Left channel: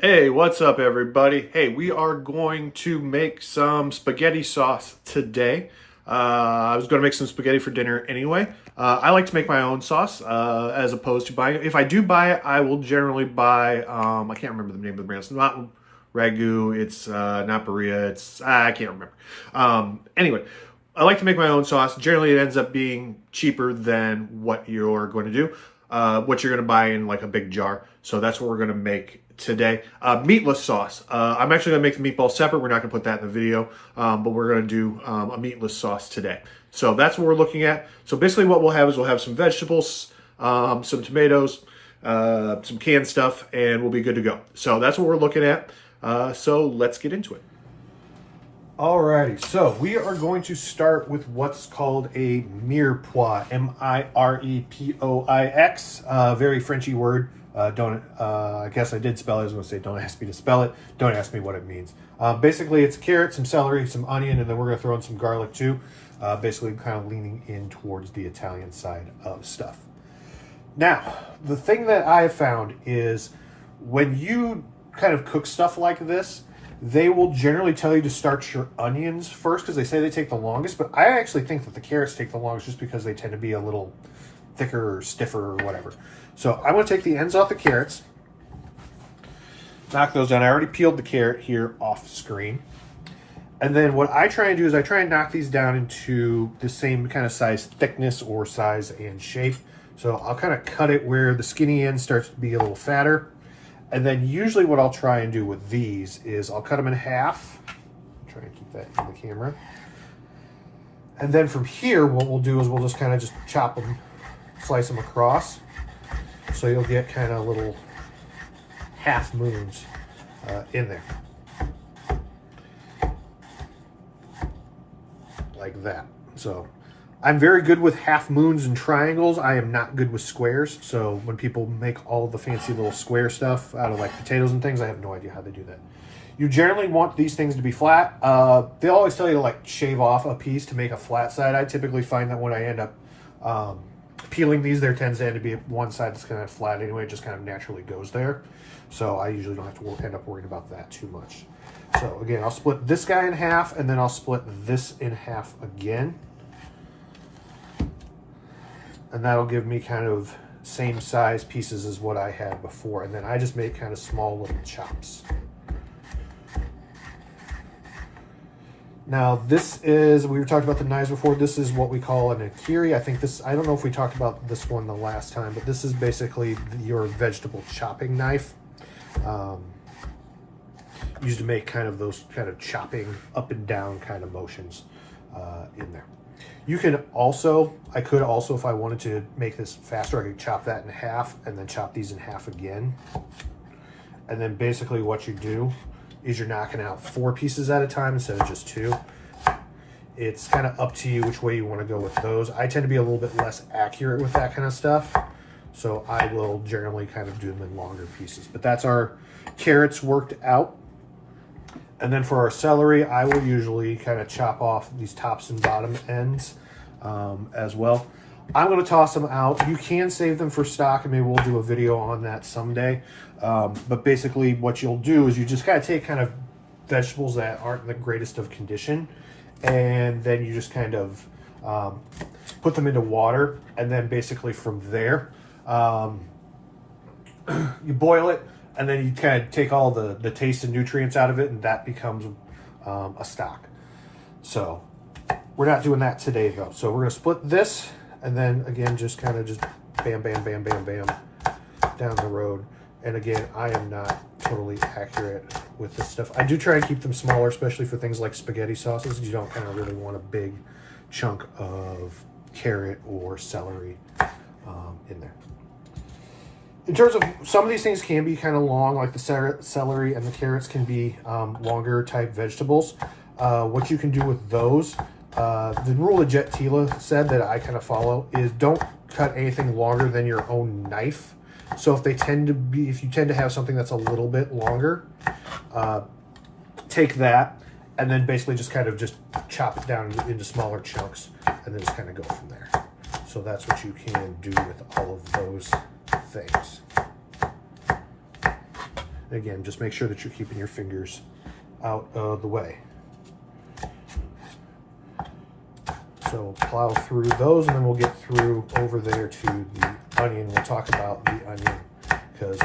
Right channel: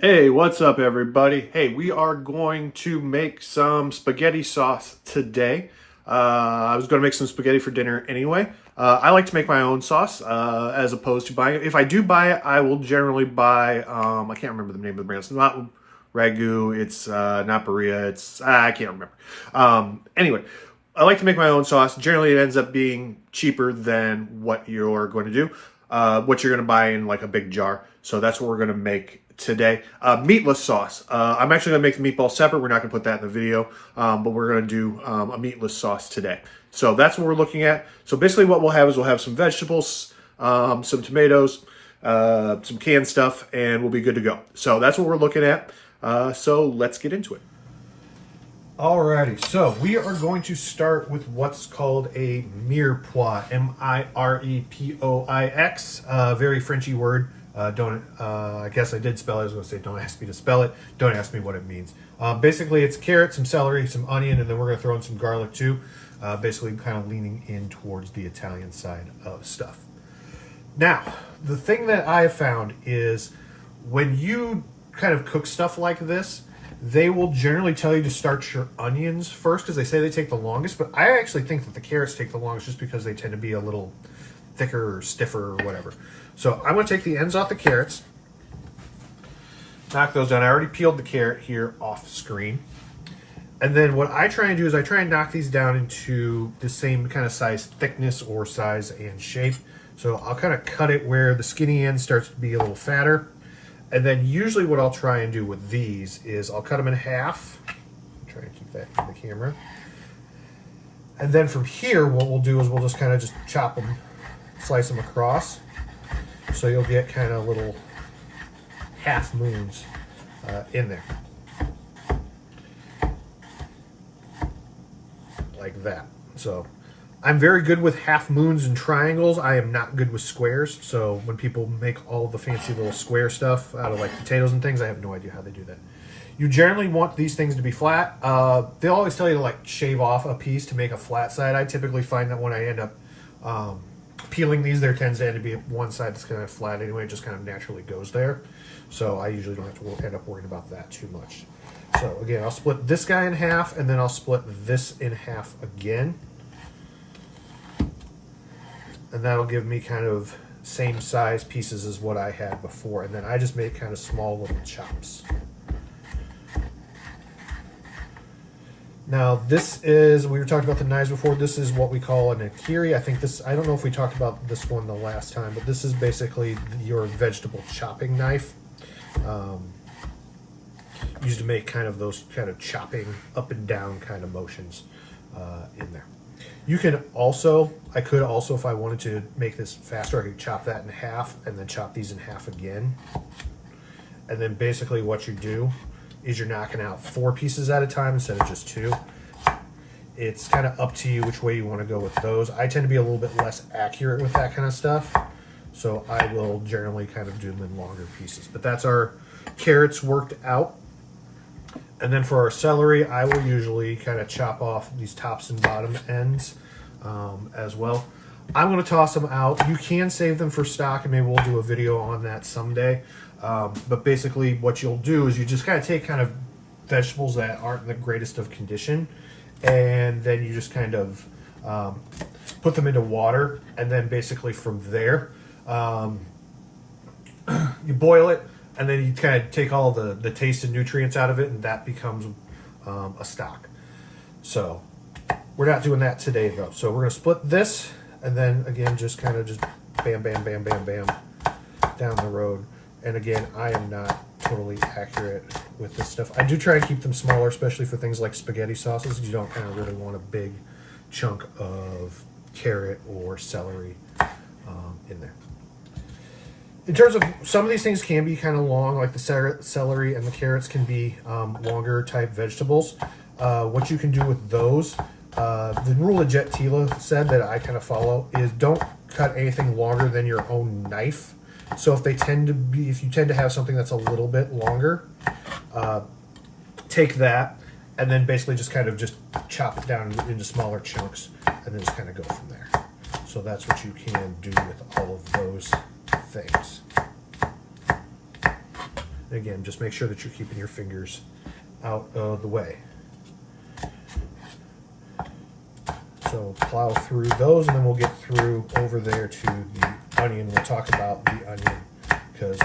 Hey, what's up, everybody? Hey, we are going to make some spaghetti sauce today. I was going to make some spaghetti for dinner anyway. I like to make my own sauce as opposed to buying it. If I do buy it, I will generally buy, I can't remember the name of the brand. It's not Ragu, it's not Berea, I can't remember. Anyway, I like to make my own sauce. Generally, it ends up being cheaper than what you're going to do, what you're going to buy in like a big jar. So that's what we're going to make today. Meatless sauce. I'm actually going to make the meatballs separate. We're not going to put that in the video, but we're going to do a meatless sauce today. So that's what we're looking at. So basically what we'll have is we'll have some vegetables, some tomatoes, some canned stuff, and we'll be good to go. So that's what we're looking at. So let's get into it. Alrighty, so we are going to start with what's called a mirepoix, Mirepoix, very Frenchy word. I guess I did spell it. I was going to say, don't ask me to spell it. Don't ask me what it means. Basically, it's carrot, some celery, some onion, and then we're going to throw in some garlic too. Basically, kind of leaning in towards the Italian side of stuff. Now, the thing that I have found is when you kind of cook stuff like this, they will generally tell you to start your onions first because they say they take the longest, but I actually think that the carrots take the longest just because they tend to be a little thicker or stiffer or whatever. So I'm going to take the ends off the carrots, knock those down. I already peeled the carrot here off screen. And then what I try and do is I try and knock these down into the same kind of size, thickness or size and shape. So I'll kind of cut it where the skinny end starts to be a little fatter. And then usually what I'll try and do with these is I'll cut them in half. Try and keep that in the camera. And then from here, what we'll do is we'll just kind of just chop them, slice them across. So you'll get kind of little half moons in there. Like that. So I'm very good with half moons and triangles. I am not good with squares. So when people make all the fancy little square stuff out of like potatoes and things, I have no idea how they do that. You generally want these things to be flat. They always tell you to like shave off a piece to make a flat side. I typically find that when I end up peeling these, there tends to be one side that's kind of flat anyway. It just kind of naturally goes there. So I usually don't have to end up worrying about that too much. So again, I'll split this guy in half and then I'll split this in half again. And that'll give me kind of same size pieces as what I had before. And then I just make kind of small little chops. Now this is, we were talking about the knives before, this is what we call an akiri. I think this, I don't know if we talked about this one the last time, but this is basically your vegetable chopping knife. Used to make kind of those kind of chopping up and down kind of motions in there. You can also, I could also, if I wanted to make this faster, I could chop that in half and then chop these in half again. And then basically what you do is you're knocking out 4 pieces at a time instead of just 2. It's kind of up to you which way you want to go with those. I tend to be a little bit less accurate with that kind of stuff. So I will generally kind of do them in longer pieces. But that's our carrots worked out. And then for our celery, I will usually kind of chop off these tops and bottom ends as well. I'm going to toss them out. You can save them for stock, and maybe we'll do a video on that someday. But basically what you'll do is you just kind of take kind of vegetables that aren't in the greatest of condition, and then you just kind of put them into water, and then basically from there, you boil it, and then you kind of take all the taste and nutrients out of it, and that becomes a stock. So we're not doing that today though. So we're gonna split this, and then again, just kind of just bam, bam, bam, bam, bam down the road. And again, I am not totally accurate with this stuff. I do try and keep them smaller, especially for things like spaghetti sauces. You don't kind of really want a big chunk of carrot or celery in there. In terms of, some of these things can be kind of long, like the celery and the carrots can be longer type vegetables. What you can do with those, the rule that Jet Tila said that I kind of follow is don't cut anything longer than your own knife. So if you tend to have something that's a little bit longer, take that and then basically just kind of just chop it down into smaller chunks and then just kind of go from there. So that's what you can do with all of those things. Again, just make sure that you're keeping your fingers out of the way. So plow through those, and then we'll get through over there to the onion. We'll talk about the onion because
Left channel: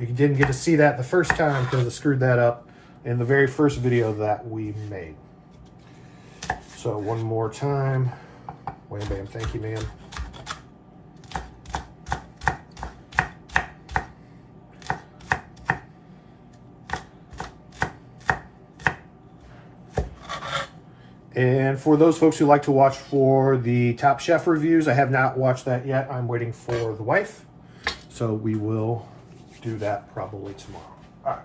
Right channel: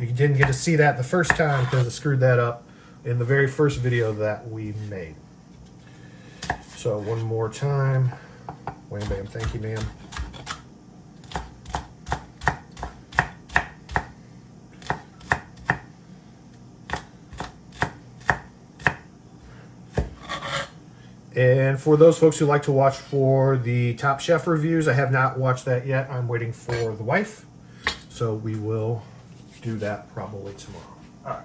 you didn't get to see that the first time because I screwed that up in the very first video that we made. So one more time. Wham bam, thank you, ma'am. And for those folks who like to watch for the Top Chef reviews, I have not watched that yet. I'm waiting for the wife. So we will do that probably tomorrow. All right.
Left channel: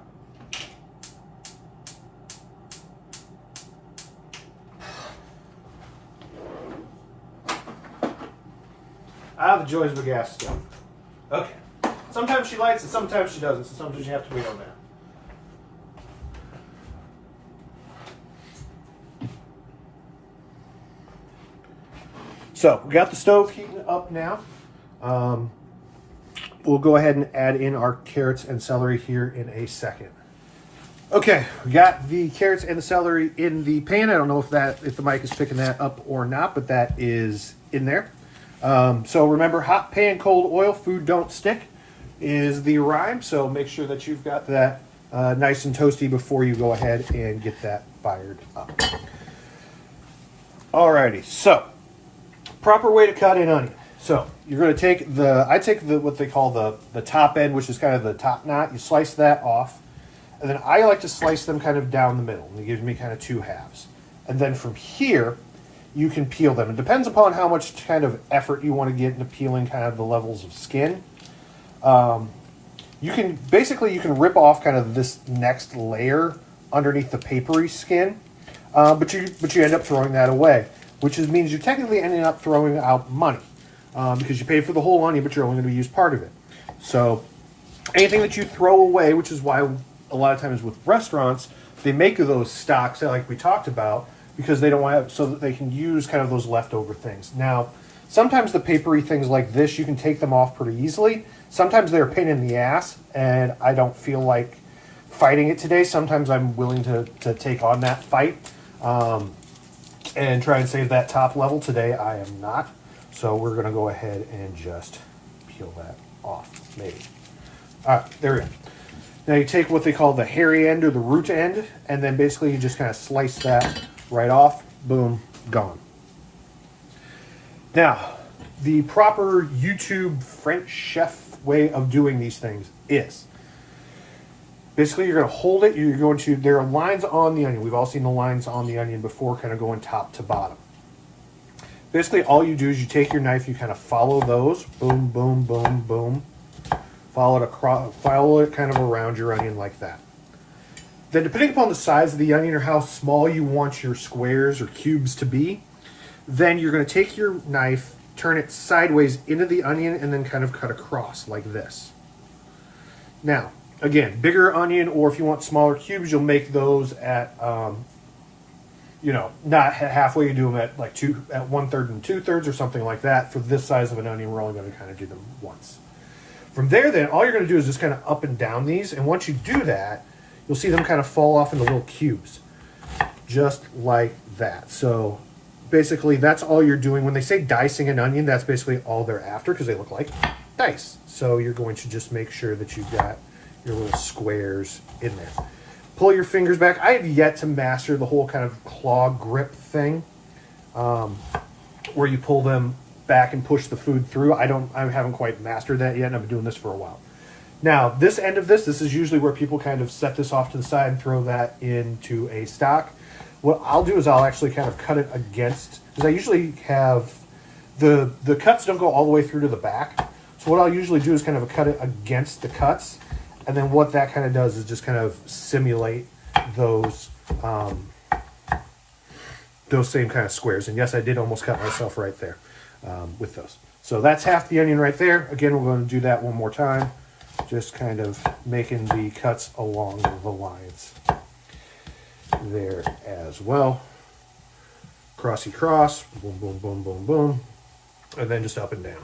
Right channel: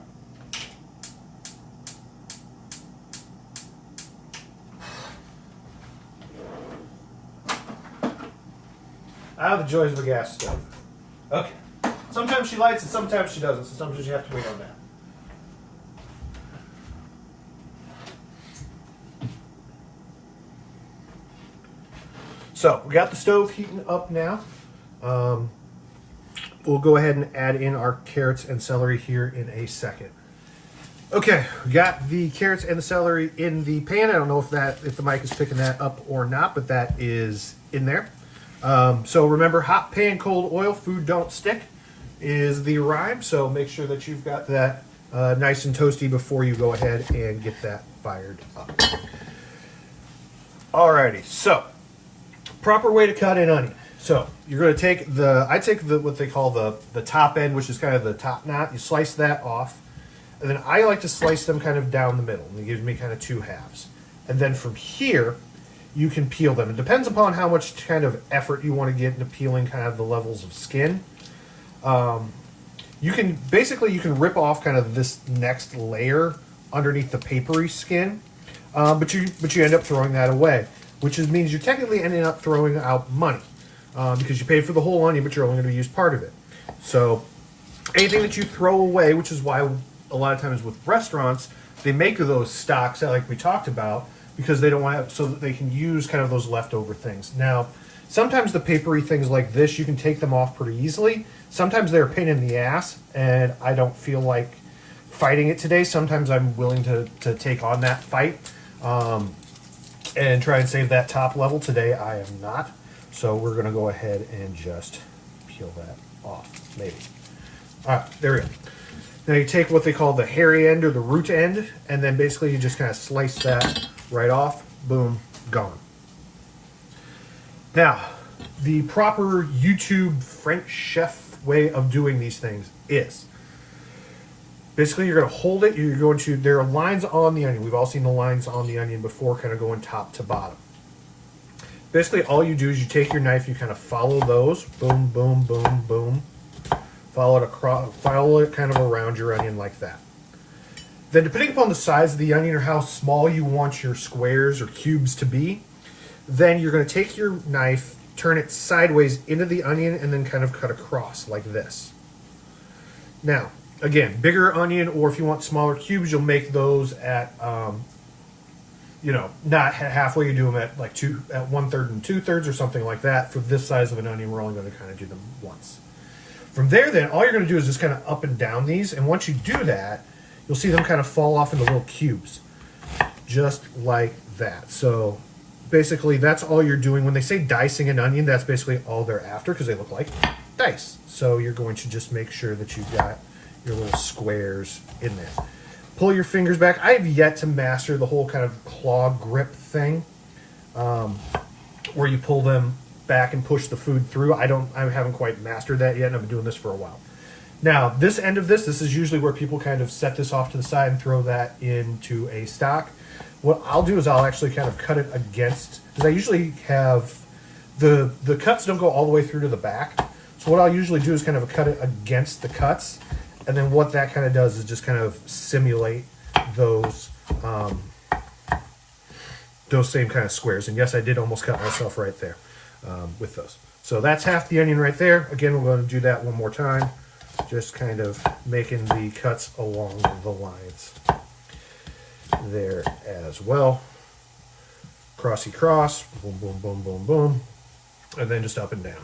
The joys of a gas stove. Okay. Sometimes she lights and sometimes she doesn't, so sometimes you have to wait on that. So we got the stove heating up now. We'll go ahead and add in our carrots and celery here in a second. Okay, we got the carrots and the celery in the pan. I don't know if the mic is picking that up or not, but that is in there. So remember, hot pan, cold oil, food don't stick is the rhyme. So make sure that you've got that nice and toasty before you go ahead and get that fired up. Alrighty, so proper way to cut an onion. So you're going to take I take what they call the top end, which is kind of the top knot. You slice that off. And then I like to slice them kind of down the middle. And it gives me kind of two halves. And then from here, you can peel them. It depends upon how much kind of effort you want to get into peeling kind of the levels of skin. You can rip off kind of this next layer underneath the papery skin. But you end up throwing that away, which means you're technically ending up throwing out money. Because you paid for the whole onion, but you're only going to use part of it. So anything that you throw away, which is why a lot of times with restaurants, they make those stocks like we talked about, because they don't want to, so that they can use kind of those leftover things. Now, sometimes the papery things like this, you can take them off pretty easily. Sometimes they're a pain in the ass, and I don't feel like fighting it today. Sometimes I'm willing to take on that fight and try and save that top level. Today, I am not. So we're going to go ahead and just peel that off, maybe. All right, there we go. Now you take what they call the hairy end or the root end, and then basically you just kind of slice that right off. Boom, gone. Now, the proper YouTube French chef way of doing these things is basically you're going to hold it. There are lines on the onion. We've all seen the lines on the onion before, kind of going top to bottom. Basically, all you do is you take your knife, you kind of follow those. Boom, boom, boom, boom. Follow it kind of around your onion like that. Then depending upon the size of the onion or how small you want your squares or cubes to be, then you're going to take your knife, turn it sideways into the onion, and then kind of cut across like this. Now, again, bigger onion, or if you want smaller cubes, you'll make those at, not halfway. You do them at like 1/3 and 2/3 or something like that. For this size of an onion, we're only going to kind of do them once. From there, then, all you're going to do is just kind of up and down these. And once you do that, you'll see them kind of fall off into little cubes. Just like that. So basically, that's all you're doing. When they say dicing an onion, that's basically all they're after because they look like dice. So you're going to just make sure that you've got your little squares in there. Pull your fingers back. I have yet to master the whole kind of claw grip thing where you pull them back and push the food through. I haven't quite mastered that yet, and I've been doing this for a while. Now, this end of this is usually where people kind of set this off to the side and throw that into a stock. What I'll do is I'll actually kind of cut it against, because I usually have, the cuts don't go all the way through to the back. So what I'll usually do is kind of cut it against the cuts, and then what that kind of does is just kind of simulate those same kind of squares. And yes, I did almost cut myself right there. With those. So that's half the onion right there. Again, we're going to do that one more time. Just kind of making the cuts along the lines there as well. Crossy cross, boom, boom, boom, boom, boom. And then just up and down.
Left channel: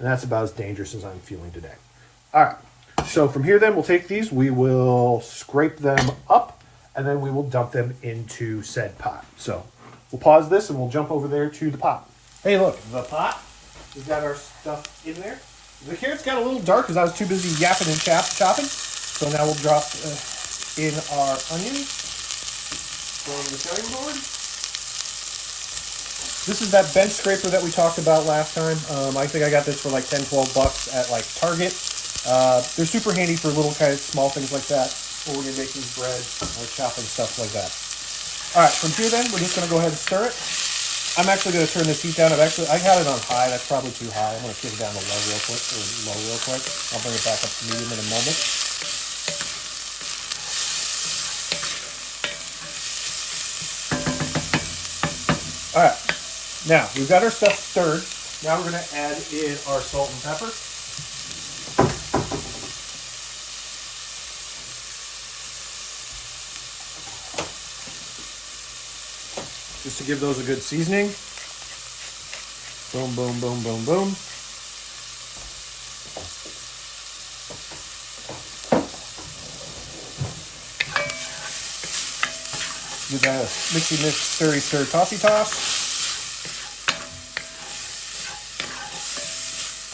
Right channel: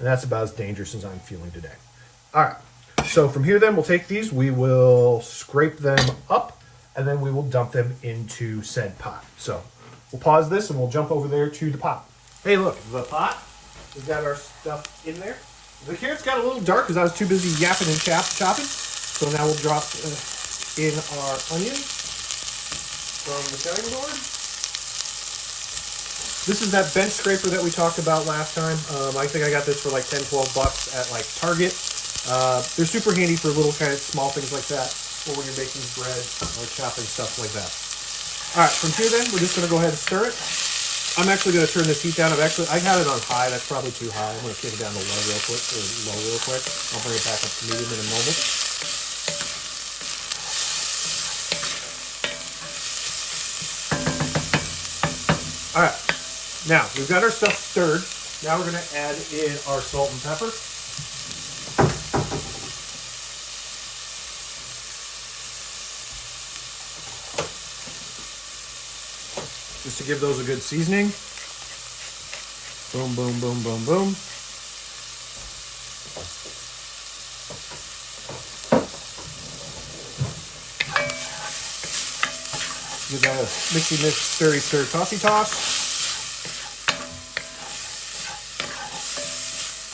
And that's about as dangerous as I'm feeling today. All right. So from here then, we'll take these, we will scrape them up, and then we will dump them into said pot. So we'll pause this and we'll jump over there to the pot. Hey, look, the pot. We've got our stuff in there. The carrots got a little dark because I was too busy yapping and chopping. So now we'll drop in our onions from the cutting board. This is that bench scraper that we talked about last time. I think I got this for like 10, 12 bucks at like Target. They're super handy for little kind of small things like that, or when you're making bread or chopping stuff like that. All right, from here then, we're just going to go ahead and stir it. I'm actually going to turn this heat down. I had it on high. That's probably too high. I'm going to turn it down to low real quick, I'll bring it back up to medium in a moment. All right, now we've got our stuff stirred. Now we're going to add in our salt and pepper. Just to give those a good seasoning. Boom, boom, boom, boom, boom. Give that a mixy mix, stirry stir, tossy toss.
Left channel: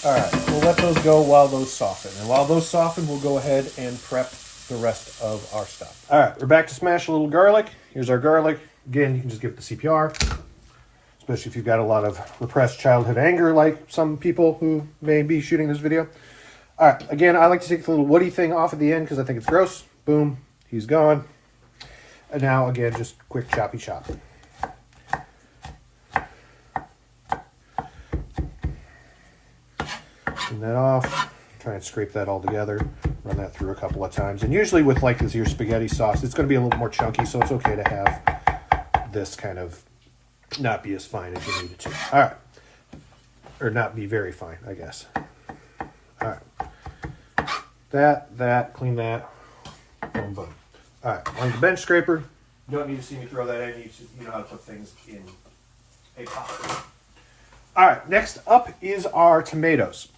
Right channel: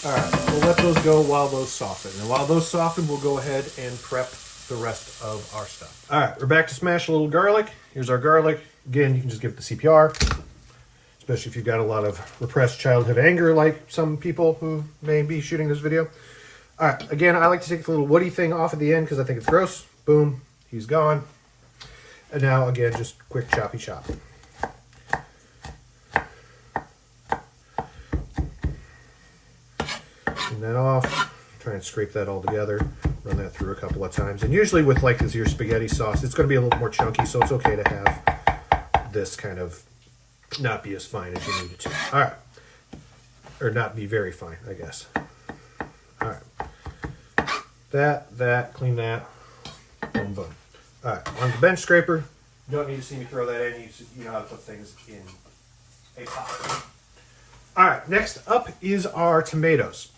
All right, we'll let those go while those soften. And while those soften, we'll go ahead and prep the rest of our stuff. All right, we're back to smash a little garlic. Here's our garlic. Again, you can just give it the CPR, especially if you've got a lot of repressed childhood anger like some people who may be shooting this video. All right, again, I like to take the little woody thing off at the end because I think it's gross. Boom, he's gone. And now, again, just quick choppy chop. Clean that off. Try and scrape that all together. Run that through a couple of times. And usually with like this here spaghetti sauce, it's going to be a little more chunky, so it's okay to have this kind of not be as fine as you need it to. All right. Or not be very fine, I guess. All right. That, clean that. Boom, boom. All right, on the bench scraper. You don't need to see me throw that in. You know how to put things in a pot. All right, next up is our tomatoes.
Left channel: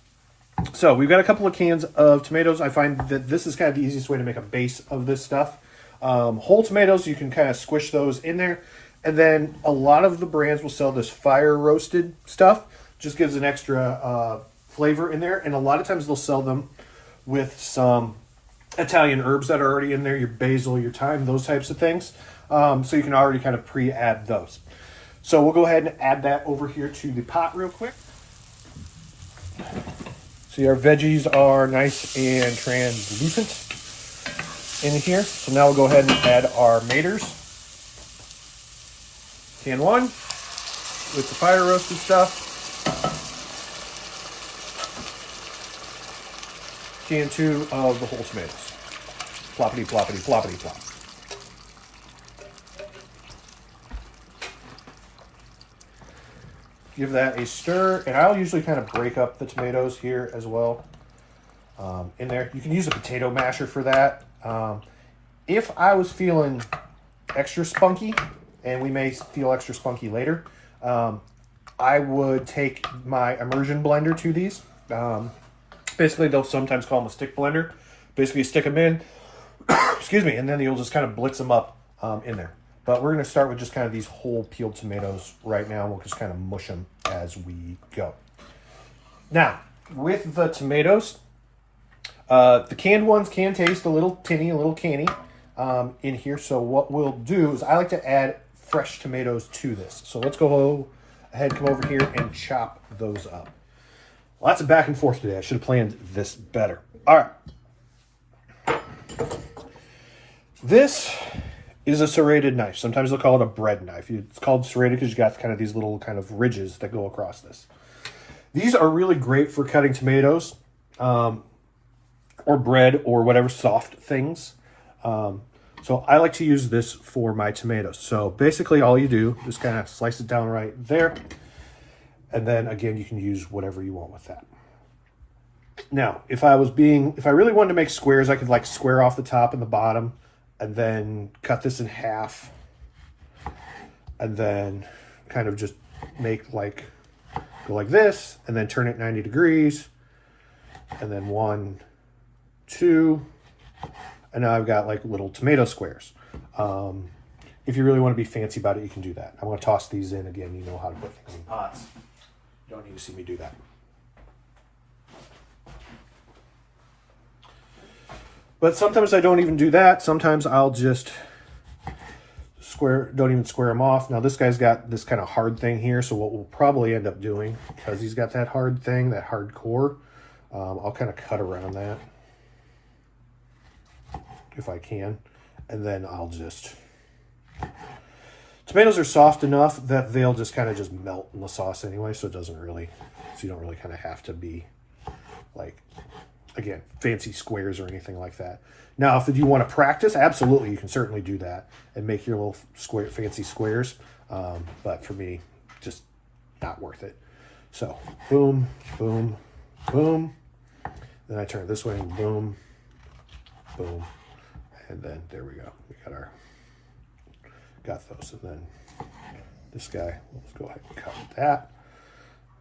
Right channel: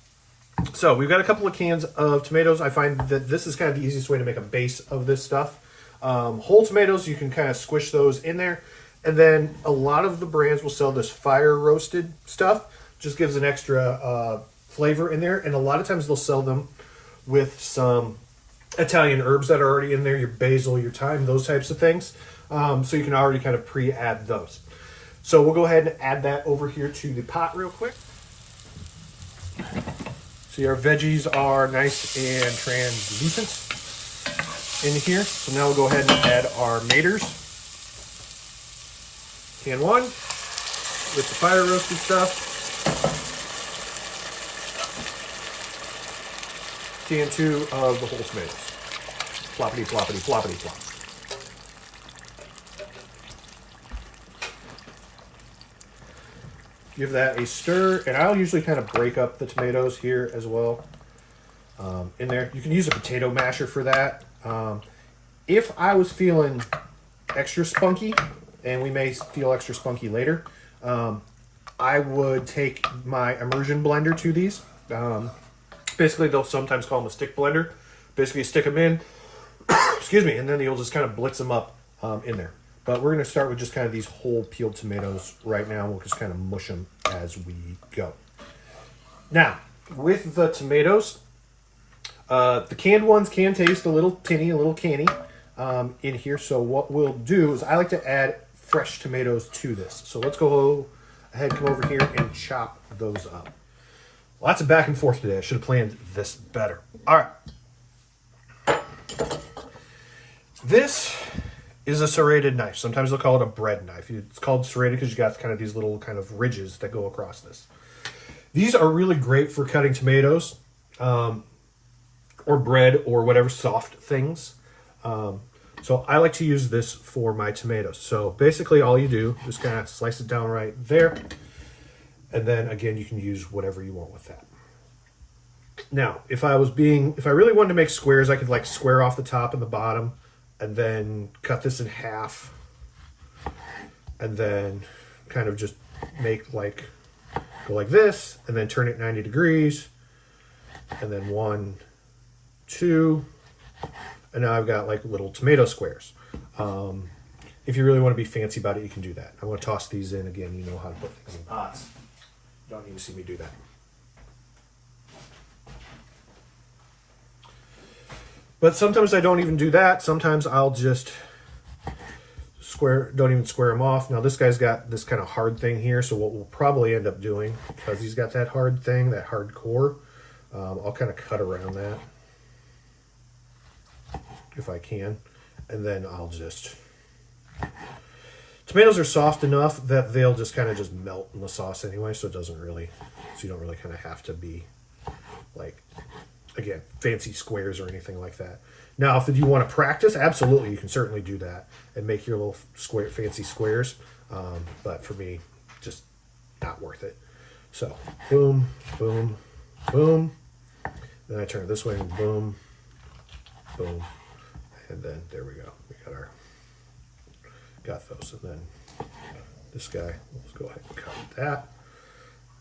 So we've got a couple of cans of tomatoes. I find that this is kind of the easiest way to make a base of this stuff. Whole tomatoes, you can kind of squish those in there. And then a lot of the brands will sell this fire roasted stuff. Just gives an extra flavor in there. And a lot of times they'll sell them with some Italian herbs that are already in there, your basil, your thyme, those types of things. So you can already kind of pre-add those. So we'll go ahead and add that over here to the pot real quick. See, our veggies are nice and translucent in here. So now we'll go ahead and add our maters. Can 1 with the fire roasted stuff. Can 2 of the whole tomatoes. Floppity, floppity, floppity, flop. Give that a stir, and I'll usually kind of break up the tomatoes here as well. In there, you can use a potato masher for that. If I was feeling extra spunky, and we may feel extra spunky later, I would take my immersion blender to these. Basically, they'll sometimes call them a stick blender. Basically, you stick them in, excuse me, and then you'll just kind of blitz them up in there. But we're going to start with just kind of these whole peeled tomatoes right now. We'll just kind of mush them as we go. Now, with the tomatoes, the canned ones can taste a little tinny, a little canny in here. So what we'll do is I like to add fresh tomatoes to this. So let's go ahead, come over here and chop those up. Lots of back and forth today. I should have planned this better. All right. This is a serrated knife. Sometimes they'll call it a bread knife. It's called serrated because you got kind of these little kind of ridges that go across this. These are really great for cutting tomatoes or bread or whatever soft things. So I like to use this for my tomatoes. So basically all you do is kind of slice it down right there. And then again, you can use whatever you want with that. Now, if I really wanted to make squares, I could like square off the top and the bottom and then cut this in half and then kind of just make like go like this, and then turn it 90 degrees, and then 1, 2, and now I've got like little tomato squares. If you really want to be fancy about it, you can do that. I want to toss these in again. You know how to put things in pots. You don't need to see me do that. But sometimes I don't even do that. Sometimes I'll just don't even square them off. Now this guy's got this kind of hard thing here, so what we'll probably end up doing, because he's got that hard thing, that hard core, I'll kind of cut around that if I can, and then I'll just... Tomatoes are soft enough that they'll just kind of just melt in the sauce anyway, so it doesn't really, so you don't really kind of have to be like, again, fancy squares or anything like that. Now, if you want to practice, absolutely, you can certainly do that and make your little fancy squares. But for me, just not worth it. So, boom, boom, boom. Then I turn it this way and boom, boom. And then there we go. We got those. And then this guy, let's go ahead and cut that.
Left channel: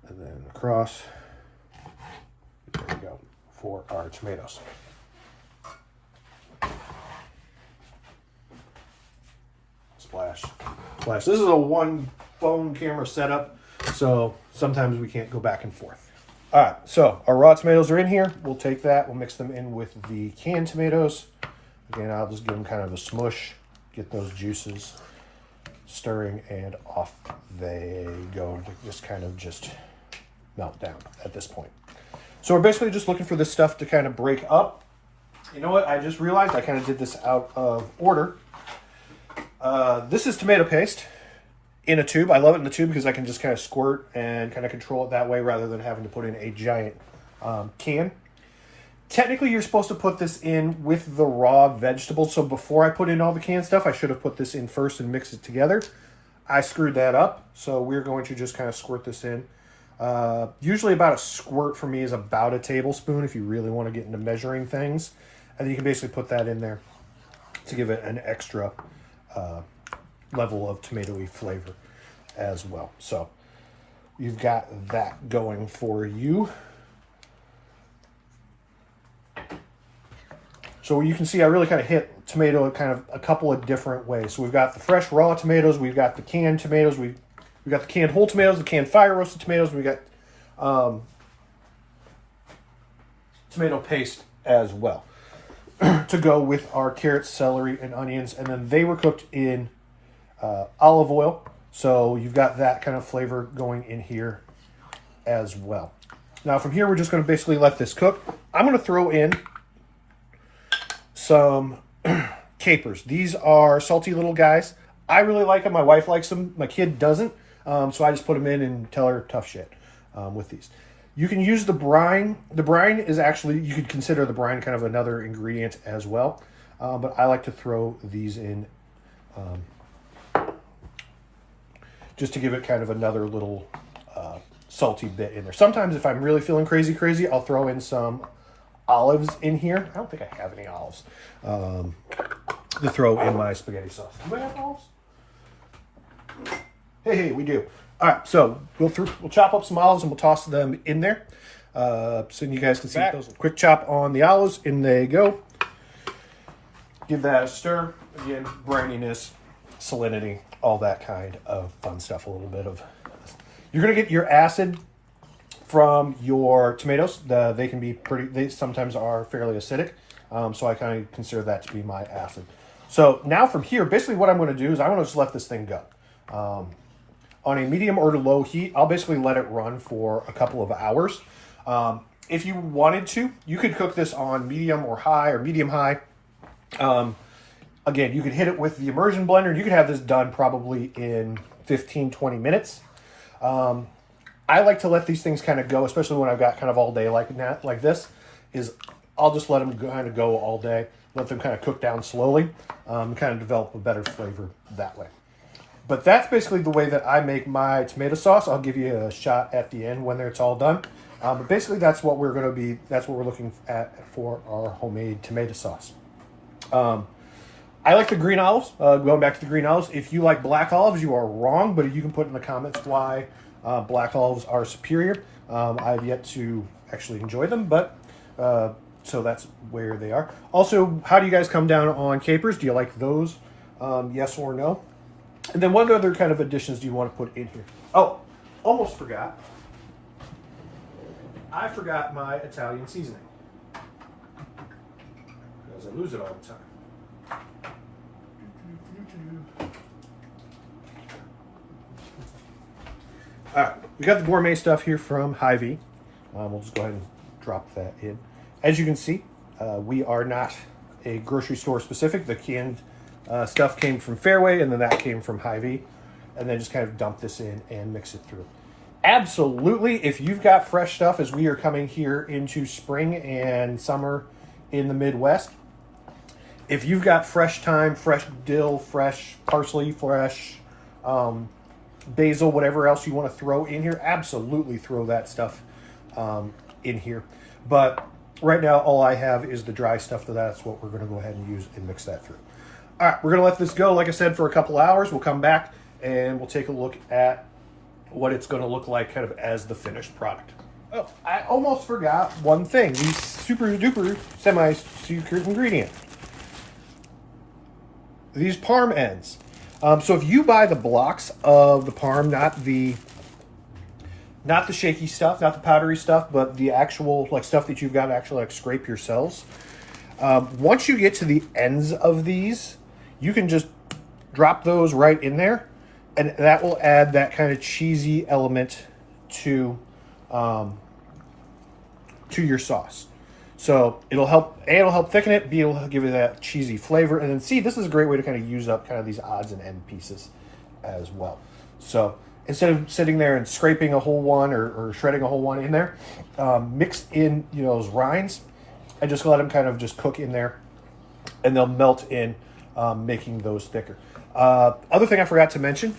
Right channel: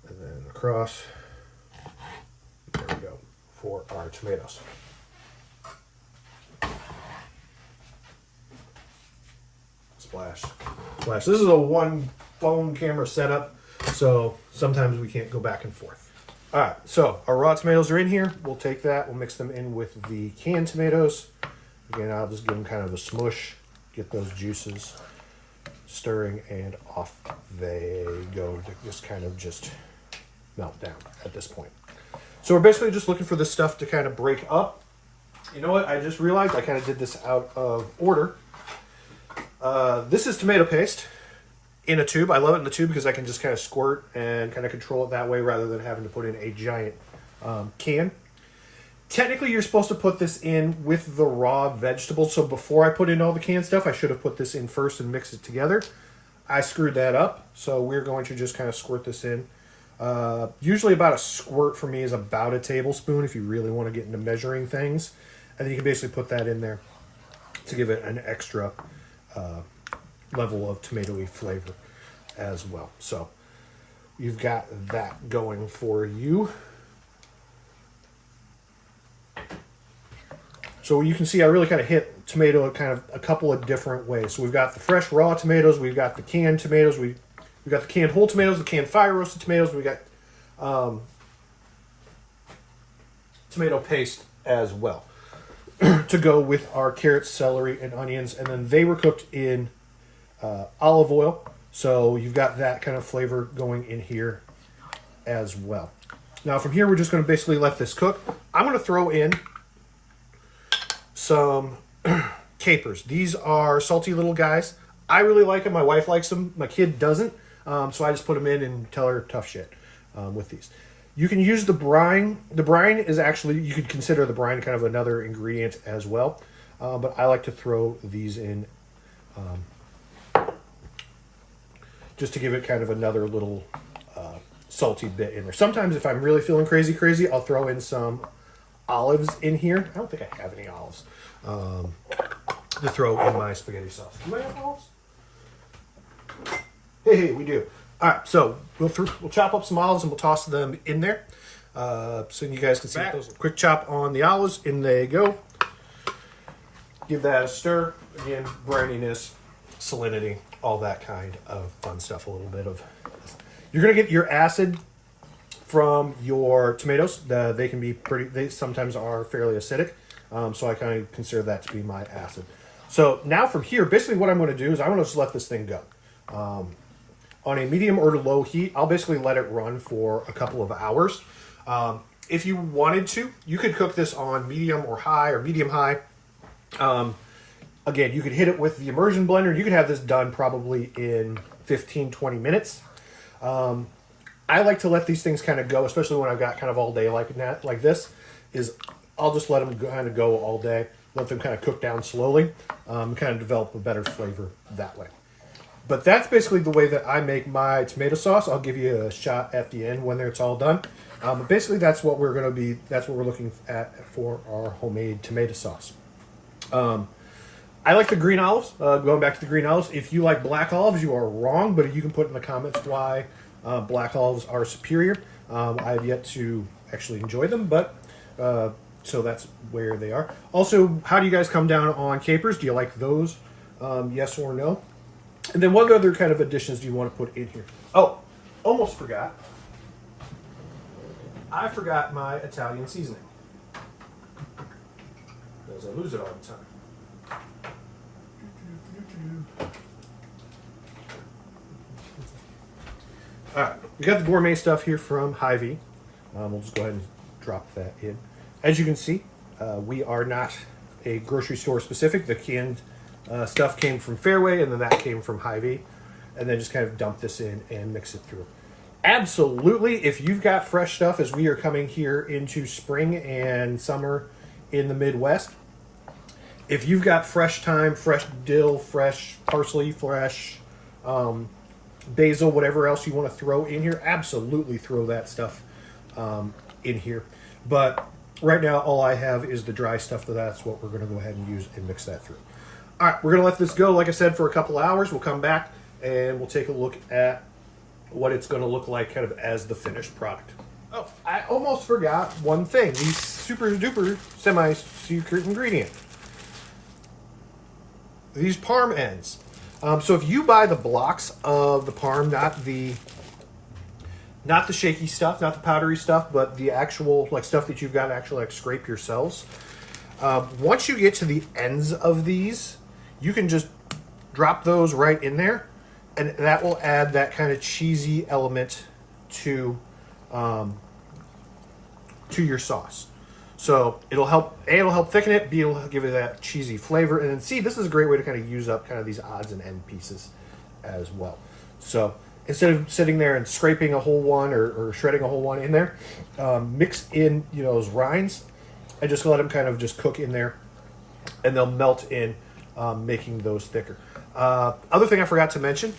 And then across. There we go. For our tomatoes. Splash. Splash. This is a one phone camera setup, so sometimes we can't go back and forth. All right, so our raw tomatoes are in here. We'll take that. We'll mix them in with the canned tomatoes. Again, I'll just give them kind of a smush, get those juices stirring, and off they go. Just kind of just melt down at this point. So we're basically just looking for this stuff to kind of break up. You know what? I just realized I kind of did this out of order. This is tomato paste in a tube. I love it in the tube because I can just kind of squirt and kind of control it that way rather than having to put in a giant can. Technically, you're supposed to put this in with the raw vegetables. So before I put in all the canned stuff, I should have put this in first and mixed it together. I screwed that up. So we're going to just kind of squirt this in. Usually about a squirt for me is about a tablespoon if you really want to get into measuring things. And then you can basically put that in there to give it an extra level of tomatoey flavor as well. So you've got that going for you. So you can see I really kind of hit tomato kind of a couple of different ways. So we've got the fresh raw tomatoes, we've got the canned tomatoes, we've got the canned whole tomatoes, the canned fire roasted tomatoes, we got tomato paste as well to go with our carrots, celery, and onions. And then they were cooked in olive oil. So you've got that kind of flavor going in here as well. Now from here, we're just going to basically let this cook. I'm going to throw in some capers. These are salty little guys. I really like them. My wife likes them. My kid doesn't. So I just put them in and tell her tough shit with these. You can use the brine. The brine is actually, you could consider the brine kind of another ingredient as well. But I like to throw these in just to give it kind of another little salty bit in there. Sometimes if I'm really feeling crazy, I'll throw in some olives in here. I don't think I have any olives to throw in my spaghetti sauce. Do I have olives? Hey, we do. All right, so we'll chop up some olives and we'll toss them in there so you guys can see those. Quick chop on the olives, in they go. Give that a stir. Again, brininess, salinity, all that kind of fun stuff. A little bit of. You're gonna get your acid from your tomatoes. They can be pretty. They sometimes are fairly acidic, so I kind of consider that to be my acid. So now from here, basically what I'm going to do is I'm going to just let this thing go. On a medium or low heat, I'll basically let it run for a couple of hours. If you wanted to, you could cook this on medium or high or medium high. Again, you could hit it with the immersion blender. You could have this done probably in 15-20 minutes. I like to let these things kind of go, especially when I've got kind of all day like this, is I'll just let them kind of go all day, let them kind of cook down slowly, kind of develop a better flavor that way. But that's basically the way that I make my tomato sauce. I'll give you a shot at the end when it's all done. But basically that's what we're looking at for our homemade tomato sauce. I like the green olives. Going back to the green olives, if you like black olives, you are wrong, but you can put in the comments why Black olives are superior. I've yet to actually enjoy them, but so that's where they are. Also, how do you guys come down on capers? Do you like those? Yes or no? And then what other kind of additions do you want to put in here? Oh, almost forgot. I forgot my Italian seasoning. Because I lose it all the time. All right, we got the gourmet stuff here from Hy-Vee. We'll just go ahead and drop that in. As you can see, we are not a grocery store specific. The canned stuff came from Fairway, and then that came from Hy-Vee. And then just kind of dump this in and mix it through. Absolutely, if you've got fresh stuff, as we are coming here into spring and summer in the Midwest, if you've got fresh thyme, fresh dill, fresh parsley, fresh basil, whatever else you want to throw in here, absolutely throw that stuff in here. But right now, all I have is the dry stuff, so that's what we're going to go ahead and use and mix that through. All right, we're going to let this go, like I said, for a couple hours. We'll come back and we'll take a look at what it's going to look like kind of as the finished product. Oh, I almost forgot one thing. The super duper semi-secret ingredient. These parm ends. So if you buy the blocks of the parm, not the shaky stuff, not the powdery stuff, but the actual like stuff that you've got to actually like scrape yourselves. Once you get to the ends of these, you can just drop those right in there, and that will add that kind of cheesy element to your sauce. So it'll help, A, it'll help thicken it, B, it'll give it that cheesy flavor, and then C, this is a great way to kind of use up kind of these odds and end pieces as well. So instead of sitting there and scraping a whole one or shredding a whole one in there, mix in, you know, those rinds and just let them kind of just cook in there, and they'll melt in, making those thicker. Other thing I forgot to mention,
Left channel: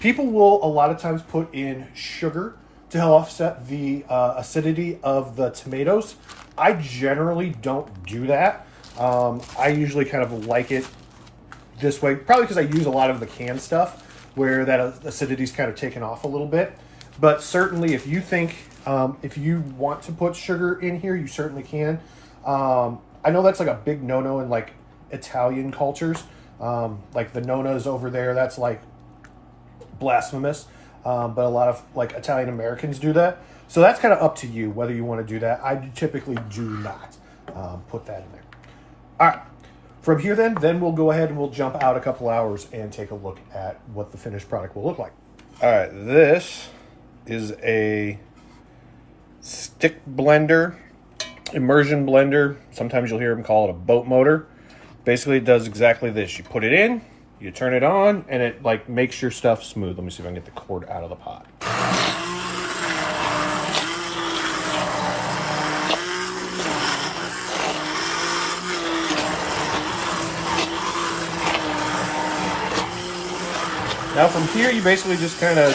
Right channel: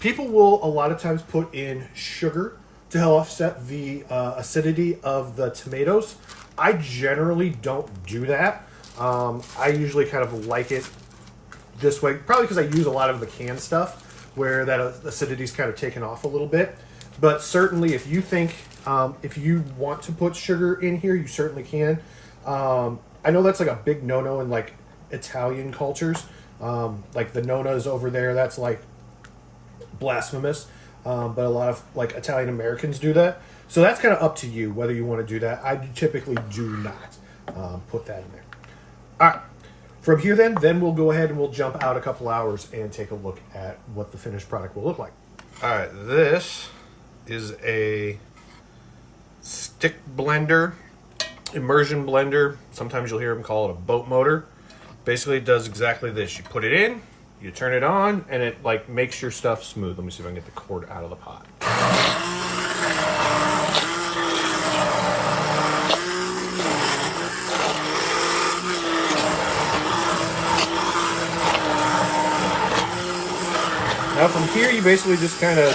people will a lot of times put in sugar to help offset the acidity of the tomatoes. I generally don't do that. I usually kind of like it this way, probably because I use a lot of the canned stuff where that acidity is kind of taken off a little bit. But certainly if you think, if you want to put sugar in here, you certainly can. I know that's like a big no-no in like Italian cultures. Like the nonas over there, that's like blasphemous. But a lot of like Italian Americans do that. So that's kind of up to you whether you want to do that. I typically do not put that in there. All right. From here then we'll go ahead and we'll jump out a couple hours and take a look at what the finished product will look like. All right. This is a stick blender, immersion blender. Sometimes you'll hear them call it a boat motor. Basically, it does exactly this. You put it in, you turn it on, and it like makes your stuff smooth. Let me see if I can get the cord out of the pot. Now from here, you basically just kind of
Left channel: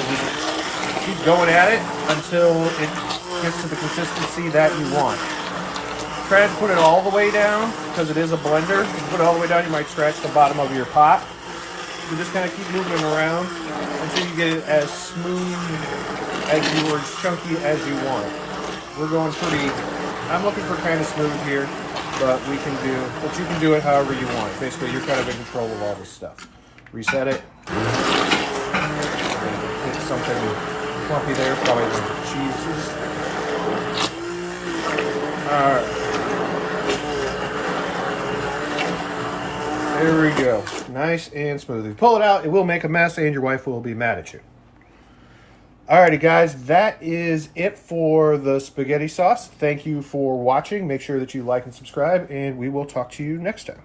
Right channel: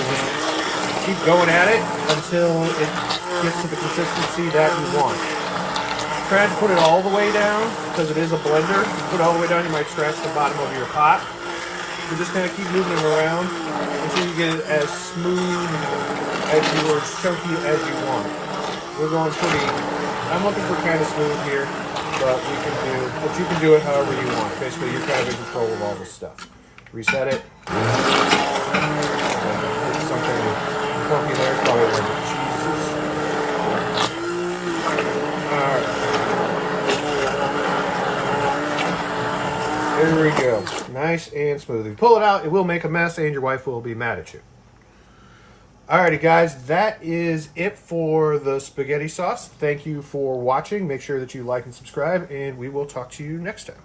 keep going at it until it gets to the consistency that you want. Try to put it all the way down because it is a blender. If you put it all the way down, you might scratch the bottom of your pot. You just kind of keep moving it around until you get it as smooth as you or as chunky as you want. We're going pretty. I'm looking for kind of smooth here, but we can do. But you can do it however you want. Basically, you're kind of in control of all this stuff. Reset it. Some kind of chunky there. Jesus. There we go. Nice and smooth. If you pull it out, it will make a mess and your wife will be mad at you. Alrighty guys, that is it for the spaghetti sauce. Thank you for watching. Make sure that you like and subscribe, and we will talk to you next time.